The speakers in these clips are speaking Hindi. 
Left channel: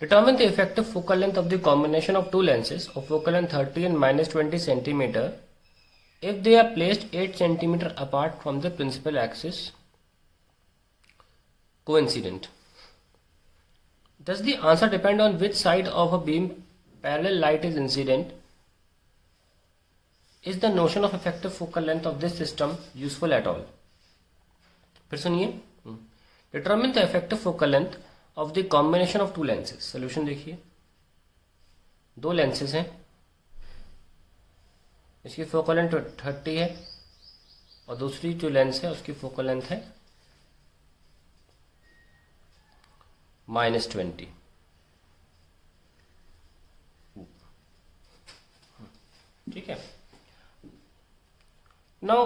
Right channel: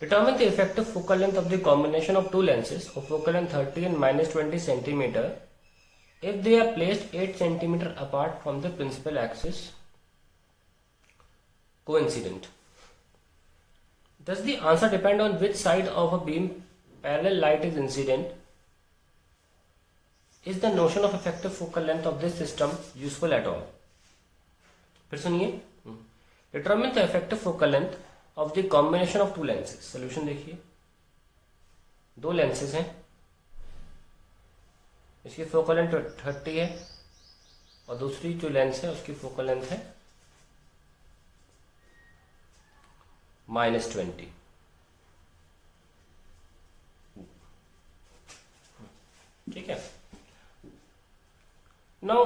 Determine the effective focal length of the combination of two lenses of focal length 30 and minus 20 centimeter if they are placed 8 centimeter apart from the principal axis coincident. Does the answer depend on which side of a beam parallel light is incident? Is the notion of effective focal length of this system useful at all? फिर सुनिए. Determine the effective focal length of the combination of two lenses. Solution देखिए, दो लेंसेज हैं, इसकी फोकल लेंथ 30 है और दूसरी जो लेंस है उसकी फोकल लेंथ है -20. ठीक है. नाउ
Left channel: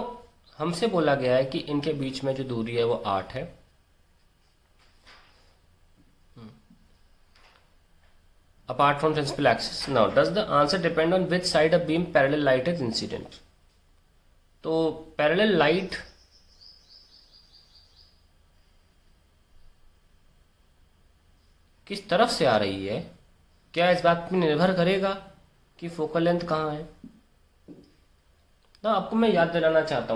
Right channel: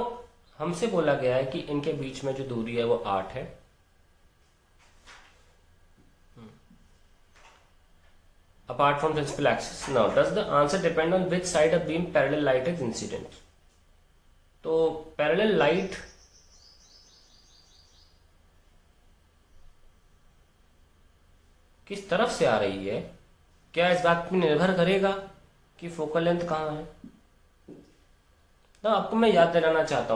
हमसे बोला गया है कि इनके बीच में जो दूरी है वो 8 है. Apart from principal axis. Now, does the answer depend on which side of beam parallel light is incident? तो parallel light किस तरफ से आ रही है, क्या इस बात पर निर्भर करेगा कि फोकल लेंथ कहाँ है? तो आपको मैं याद दिलाना चाहता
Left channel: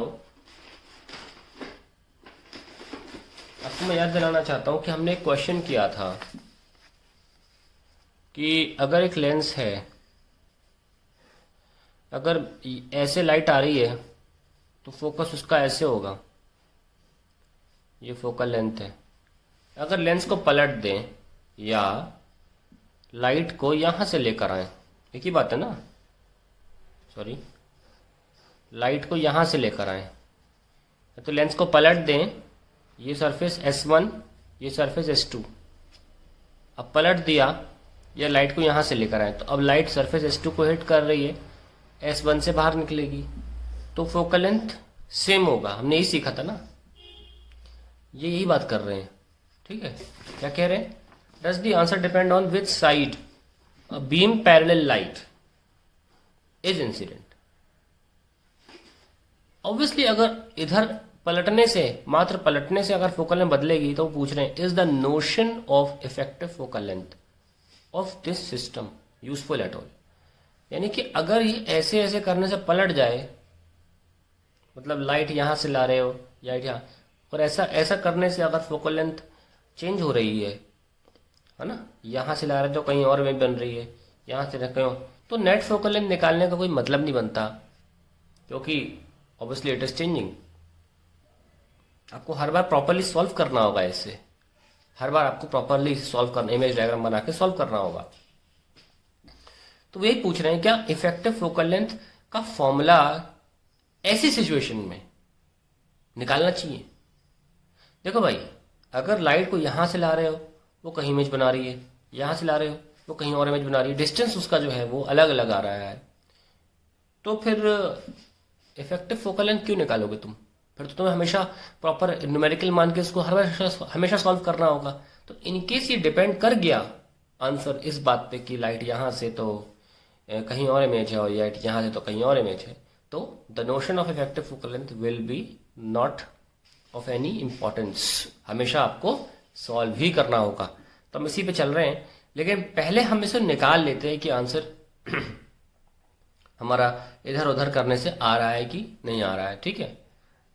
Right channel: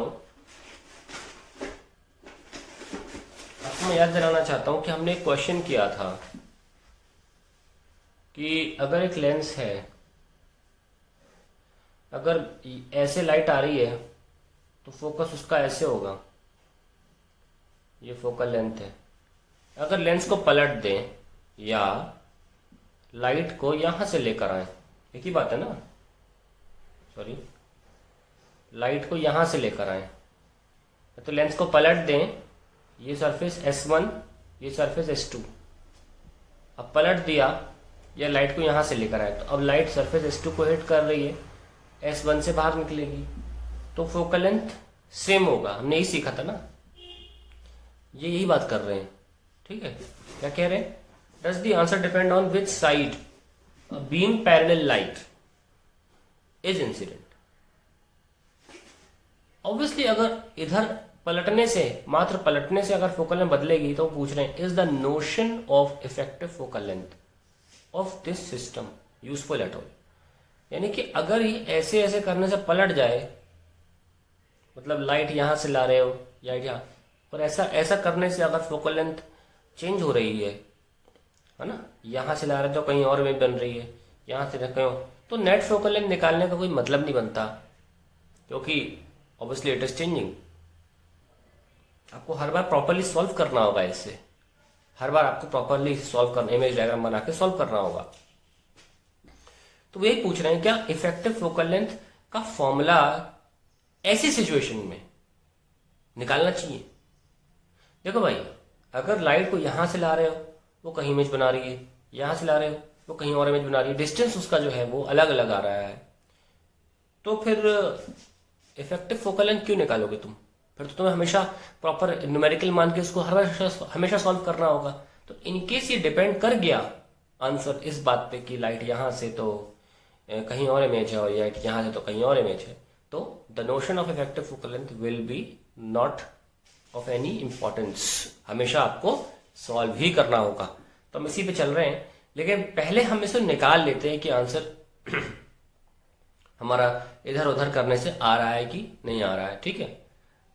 हूं कि हमने एक क्वेश्चन किया था कि अगर एक लेंस है, अगर ऐसे लाइट आ रही है तो फोकस उसका ऐसे होगा, ये फोकल लेंथ है. अगर लेंस को पलट दें या लाइट को यहां से लेकर आए, एक ही बात है ना, सॉरी, लाइट को यहां से लेकर आए तो लेंस को पलट दें, ये सरफेस S1, ये सरफेस S2. अब पलट दिया या लाइट को यहां से लेकर आए तो अब लाइट सरफेस S2 को हिट कर रही है, S1 से बाहर निकलेगी तो फोकल लेंथ सेम होगा. हमने यही सीखा था ना, ये यही बात कर रहे हैं. ठीक है, क्या कह रहे हैं? Does the answer depend on which side a beam parallel light is incident? Obviously अगर इधर पलटने से, मात्र पलटने से अगर फोकल लेंथ बदलेगी तो पूछ रहे हैं is the notion of effective focal length of this system useful at all? यानी कि अगर ये ऐसे ऐसे करने से पलट जाए, मतलब लाइट यहां से ला रहे हो या यहाँ, और ऐसा करने से अगर फोकल लेंथ चेंज हो रही है ना, यहां से ला रहे तो कहीं और में बन रही है, यहां से कहीं और, तो नेट फोकल लेंथ निकालने का कोई मतलब नहीं बनता, क्योंकि ऑब्वियसली इट इज चेंजिंग. आपको हर बार प्रॉपरली सॉल्व करना होगा, इससे हर बार आपको प्रॉपरली सॉल्व करना, इमेज डायग्राम बना के सॉल्व करना होगा. तो वही पूछ रहे हैं क्या इफेक्टिव फोकल लेंथ का फॉर्मूला ऐसी सिचुएशन में निकालना चाहिए? देखो भाई, अगर लाइट को यहां से ला रहे हो वो कहीं इमेज बना रही है, यहां से ला रहे हो वो कहीं और इमेज बना रही है, डिस्टेंस उसका जो है वो अलग अलग आ रहा है, तो फिर इफेक्टिव फोकल लेंथ क्यों निकालोगे तुम? फिर तो तुम्हें हमेशा प्रॉपर न्यूमेरिकल मान के उसको हमेशा सॉल्व करना होगा. तो इनकेस ये डिपेंड कर गया आंसर इस बात पे कि लाइट यहां से तो कहीं और इमेज है और लाइट यहां से तो कहीं और इमेज है, तो the notion of effective focal length will be not of any importance. हमेशा आपको सॉल्व ही करना होगा. तो हम इसी पे चल रहे हैं, लेकिन पहले हम इसे निकाल लेते हैं कि आंसर हमारा इधर उधर करने से आ रहा है कि नहीं आ रहा है. ठीक है,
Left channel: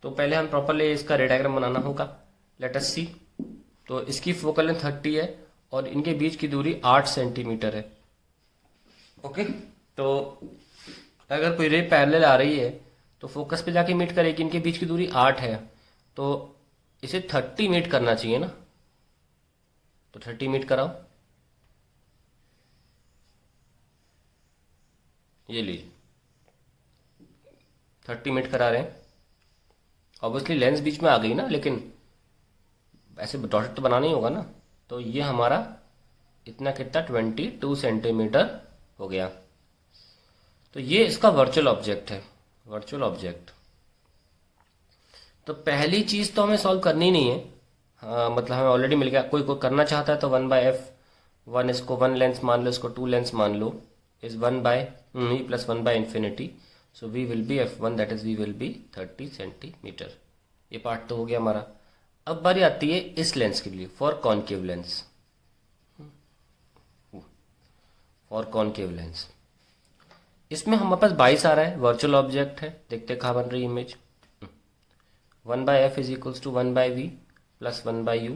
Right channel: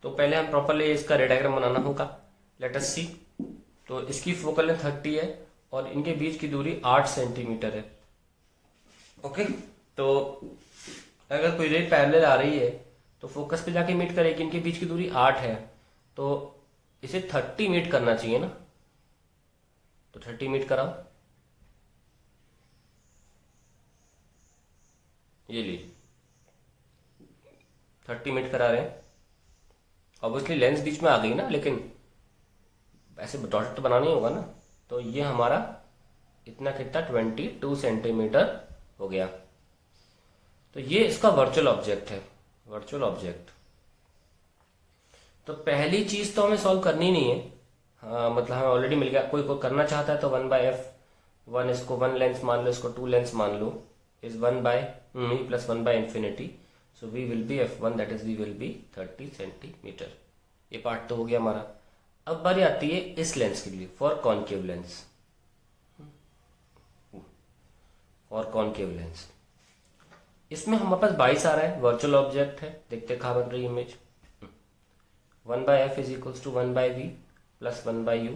तो पहले हम प्रॉपरली इसका रे डायग्राम बनाना होगा. लेट अस सी. तो इसकी फोकल लेंथ 30 है और इनके बीच की दूरी 8 सेंटीमीटर है. ओके, तो अगर कोई रे पैरेलल आ रही है तो फोकस पे जाके मीट करेगी. इनके बीच की दूरी 8 है तो इसे 30 मीट करना चाहिए ना, तो 30 मीट कराओ. ये लीजिए 30 मीट करा रहे हैं. ऑब्वियसली लेंस बीच में आ गई ना, लेकिन ऐसे डॉट तो बनाना ही होगा ना. तो ये हमारा इतना कितना 22 सेंटीमीटर हो गया. तो ये इसका वर्चुअल ऑब्जेक्ट है, वर्चुअल ऑब्जेक्ट. तो पहली चीज तो हमें सॉल्व करनी नहीं है. हाँ, मतलब हमें ऑलरेडी मिल गया. कोई करना चाहता है तो 1/f1, इसको 1 लेंस मान लो, इसको 2 लेंस मान लो, is 1/, plus 1/infinity. So v will be f1, that is v will be 30 centimetre. ये पार्ट तो हो गया हमारा. अब बारी आती है इस लेंस के लिए, फॉर कॉनकेव लेंस. और कॉनकेव लेंस। इसमें हमारे पास 22 आ रहा है, वर्चुअल ऑब्जेक्ट है, देखते कहाँ बन रही image. 1/f is equals to 1/v plus 1/u,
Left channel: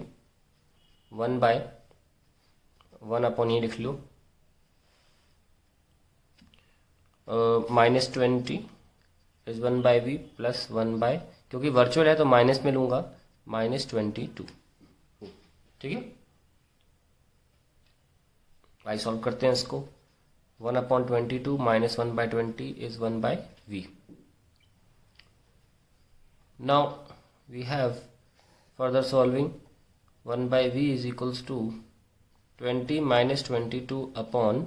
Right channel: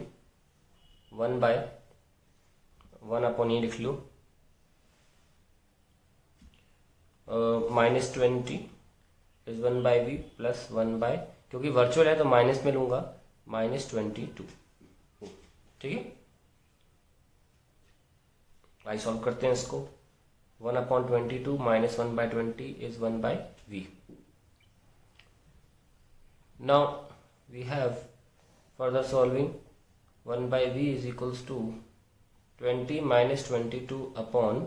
1/1 ये लिख लो, -20 इज 1/v प्लस 1/, क्योंकि वर्चुअल है तो माइनस में लूंगा, -22। ठीक है, आई सॉल्व करते हैं इसको। 1/22 - 1/20 is 1/v। Now we have further solving 1/v is equals to 20 minus 22 upon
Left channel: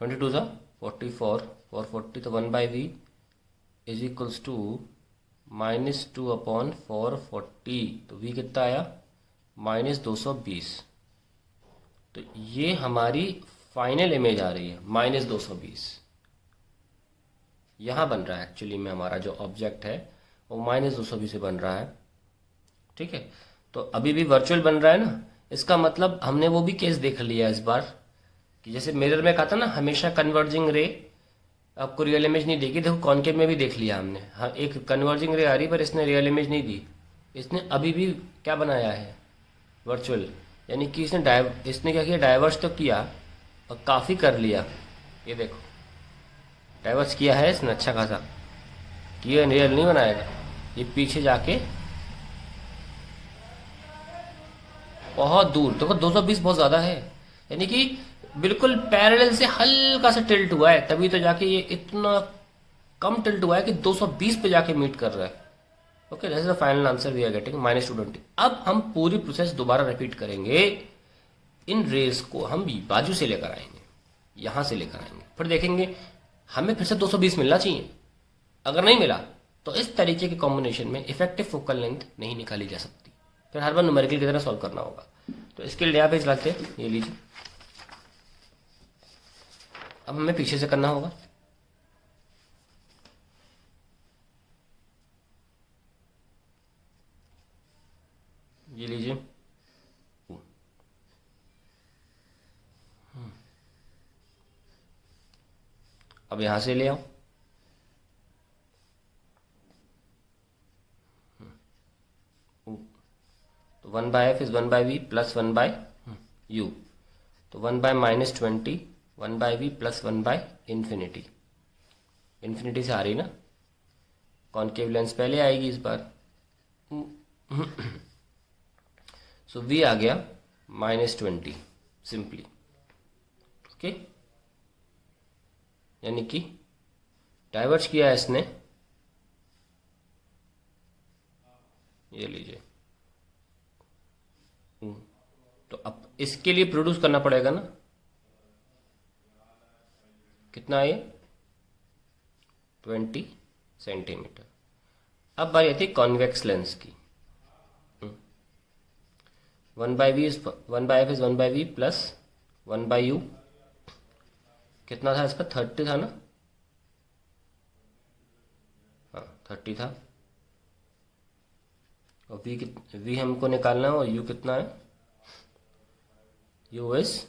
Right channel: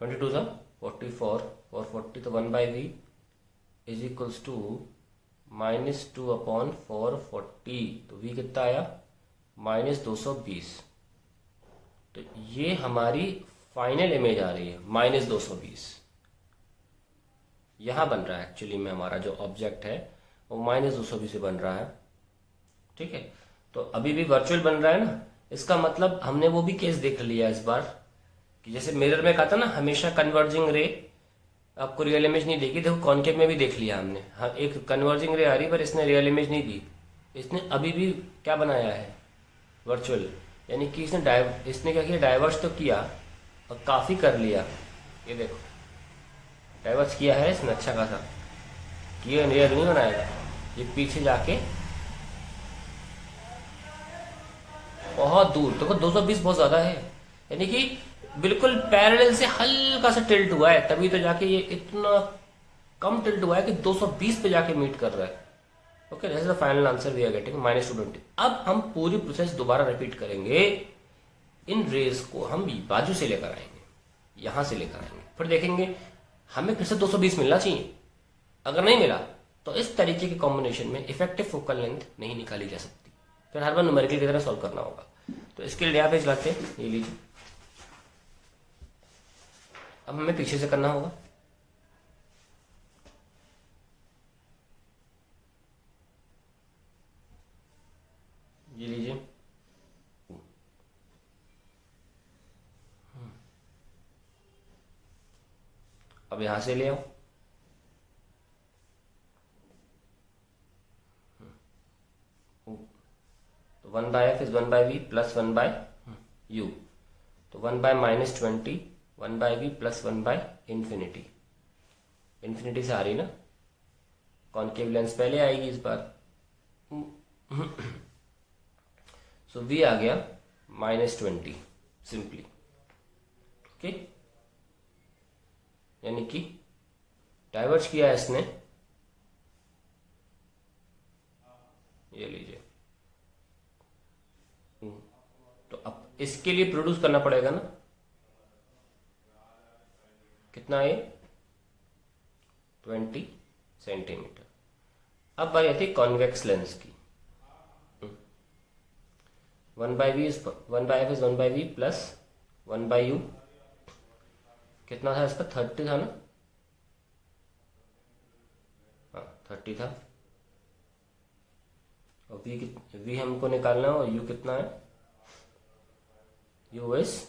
22 था 44 और 40 तो 1/v is equals to -2 upon 440, तो v कितना आया -220। तो ये हमारी फाइनल इमेज आ रही है -220। यहां बन रहा है एक्चुअली में हमारा जो ऑब्जेक्ट है वो -220 से बन रहा है। ठीक है, तो अभी भी वर्चुअल बन रहा है ना, इसका मतलब हमने वो भी केस देख लिया इस बार कि जैसे मिरर में कहा था ना हमेशा कन्वर्जिंग रे आपको रियल इमेज नहीं देगी, देखो कॉनकेव में भी देख लिया हमने। हाँ, एक कन्वर्जिंग रे आ रही पर इसने रियल इमेज नहीं दी, इसने अभी भी क्या बनाया है वर्चुअल, यानी कि इसने क्या किया, डाइवर्स तो किया और काफी कर लिया। ये देखो डाइवर्स किया है इसने अच्छा खासा किया, रियल नहीं बनाएगा, ये पीछे जाके बहुत दूर देखो 220 बहुत ज्यादा है, यानी कि बिल्कुल पैरेलल से हल्का सा टिल्ट हुआ है, तभी तो जाके ये इतना कम टिल्ट हुआ है कि 220 पे जाके मीट कर रहा है। Okay, this is the final answer we are getting -220। अब हम पूरी प्रोसेस दोबारा रिपीट करेंगे, इन रेस को हम बाजू से लेकर आएंगे, यहां से लेकर आएंगे, फिर देखेंगे हमें फिर से 220 मिलना चाहिए। अगर नहीं मिला तो इस तरीके के कॉम्बिनेशन में इफेक्टिव फोकल लेंथ नहीं निकाली जा सकती, फिर हर बार न्यूमेरिकल की तरह सॉल्व करना होगा। तो इसके लिए आप एक लाते हैं, ये लीजिए, अब हमें पीछे से करना होगा। ये लीजिए, अब यहां से ले आओ, तो 1/f is 1/v plus 1/u, तो 1/-20 1/v प्लस 1/∞। इन्फिनिटी से आ रही ना, कॉनकेव लेंस पहले आएगी इस बार। सो v आ गया -20 सिंपली। ओके, यानी कि डाइवर्स किया है इसने, ये लीजिए। तो अब इसके लिए प्रोड्यूस करना पड़ेगा ना, कितना है 20 सेंटीमीटर। अब बारी आती है कॉन्वेक्स लेंस की। 1/f is 1/v plus 1/u, कितना था इसका 30 था ना, हाँ 30 था, और v हमको निकालना है, और u कितना है, u इज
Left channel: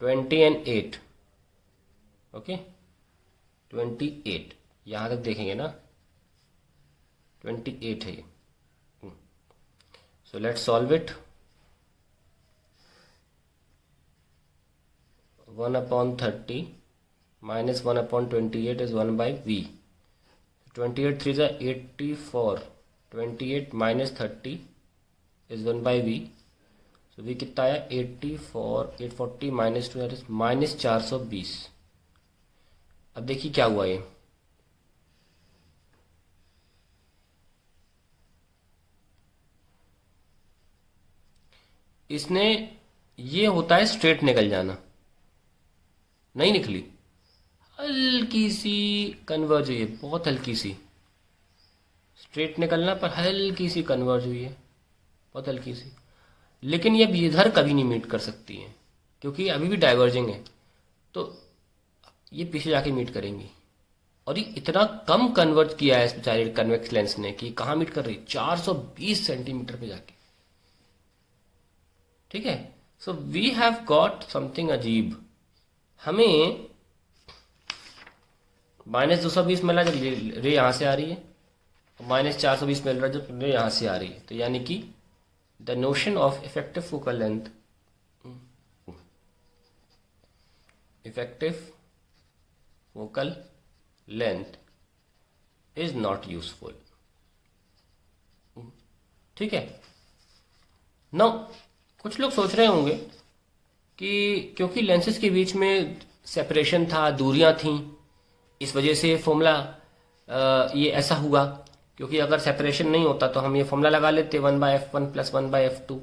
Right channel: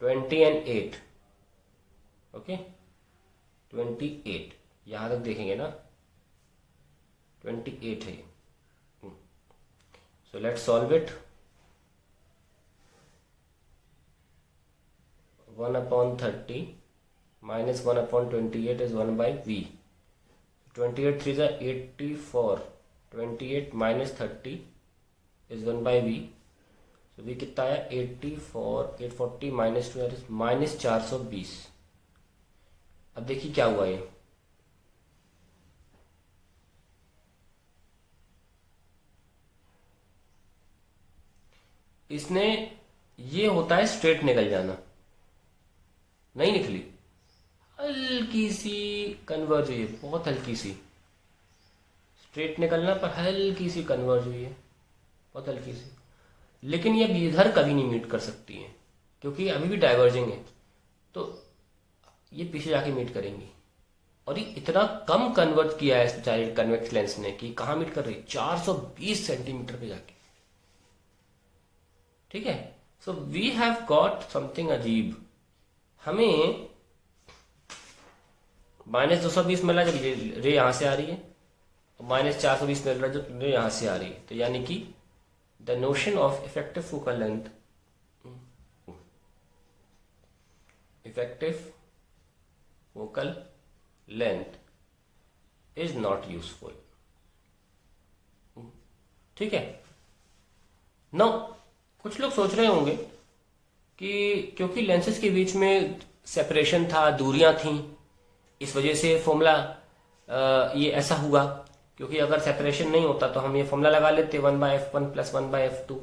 20 and 8। ओके 28, यहां तक देखेंगे ना 28 है। So let's solve it. 1/30 minus 1/28 is 1/v। 28 3 is 84, 28 minus 30 is 1/v। So v कितना आया 84, 840 minus 2 is -420। अब देखिए क्या हुआ ये, इसने ये होता है स्ट्रेट निकल जाना, नहीं निकली, हल्की सी कन्वर्ज हुई है, बहुत हल्की सी, स्ट्रेट निकलना पर हल्की सी कन्वर्ज हुई है, बहुत हल्की सी। लेकिन ये इधर कभी नहीं मीट कर सकती है क्योंकि अभी भी डाइवर्जिंग है, तो ये पीछे जाके मीट करेंगी। और ये इतना कम कन्वर्ट किया है इस बेचारे कन्वेक्स लेंस ने कि कहाँ मीट कर रही है 420 सेंटीमीटर पे जाके। ठीक है, so we have got something अजीब। हमें -220 मिल रहा है, रे यहां से आ रही है, -420 मिल रहा है जो रे यहां से आ रही है। तो यानी कि the notion of effective focal length, effective focal length is not useful. ठीक है। नो, कुछ लोग सोच रहे होंगे कि क्योंकि लेंसेज के बीच में सेपरेशन था, दूरियां थी, इस वजह से फॉर्मूला ये ऐसा हुआ। क्योंकि अगर सेपरेशन नहीं होता तो हम ये फॉर्मूला लगा लेते 1/f1 + 1/f2,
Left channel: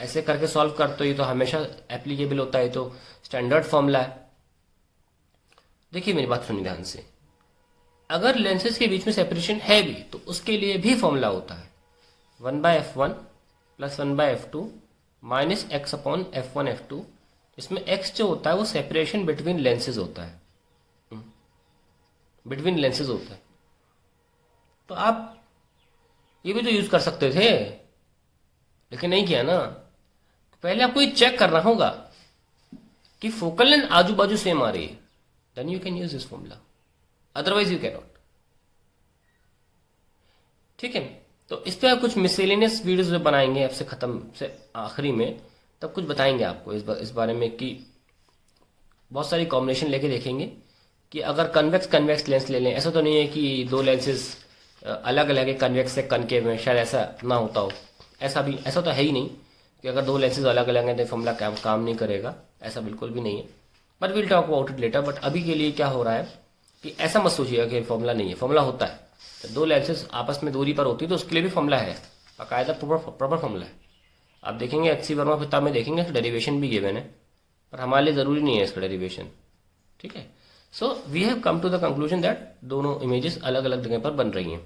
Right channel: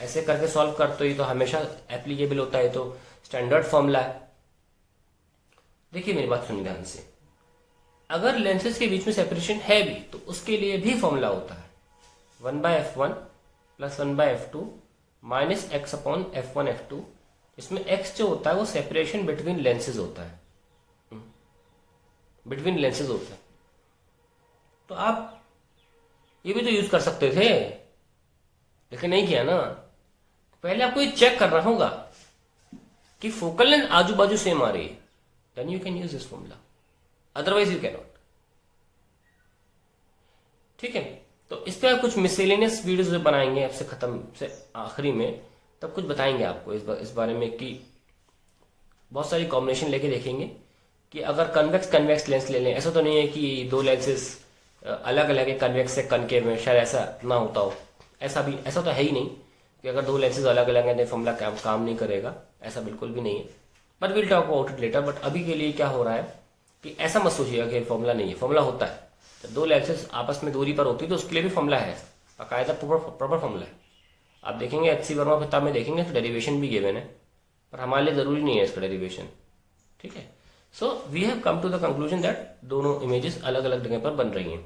ऐसे करके सॉल्व करते। ये तो हमेशा एप्लीकेबल होता है, तो स्टैंडर्ड फॉर्मूला है। देखिए मेरी बात सुनिए ध्यान से, अगर लेंसेज के बीच में सेपरेशन है भी तो उसके लिए भी फॉर्मूला होता है 1/f1 + 1/f2 - x/f1f2। इसमें x जो होता है वो सेपरेशन बिटवीन लेंसेज होता है, बिटवीन लेंसेज होता है। तो आप ये भी तो यूज कर सकते थे, लेकिन नहीं किया ना। पहले आपको ये चेक करना होगा कि फोकल लेंथ आजू बाजू सेम आ रही है, then you can use this formula, otherwise you can not. ठीक है। तो इस पर कुछ मिसलेनियस वीडियोस बनाएंगे आपसे खत्म से आखिरी में, तब कुछ बताएंगे आपको इस बारे में कि बहुत सारी कॉम्बिनेशन लेके देखेंगे कि अगर कन्वेक्स लेंस ले लें, ऐसा तो नहीं है कि दो लेंसेज अलग अलग है, कन्वेक्स से कनकेव में, शायद ऐसा ना होता हो। ऐसा तो है ही नहीं कि अगर दो लेंसेज अलग अलग हैं तो फॉर्मूला काम नहीं करेगा, ऐसा बिल्कुल भी नहीं है। But will talk about it later. But अभी के लिए क्या हो रहा है कि ऐसा मत सोचिएगा कि फॉर्मूला नहीं है, फॉर्मूला होता है। तो दो लेंसेज आपस में दूरी पर होती है तो उसके लिए भी फॉर्मूला है, बाकायदा प्रॉपर फॉर्मूला है। आप देखेंगे HC वर्मा किताब में देखेंगे तो डेरिवेशन भी गिवन है, पर हमारे लिए जरूरी नहीं है इसका डेरिवेशन। ठीक है। So we have come to the conclusion that दोनों इमेजेस अलग अलग जगह पर बन रही हैं।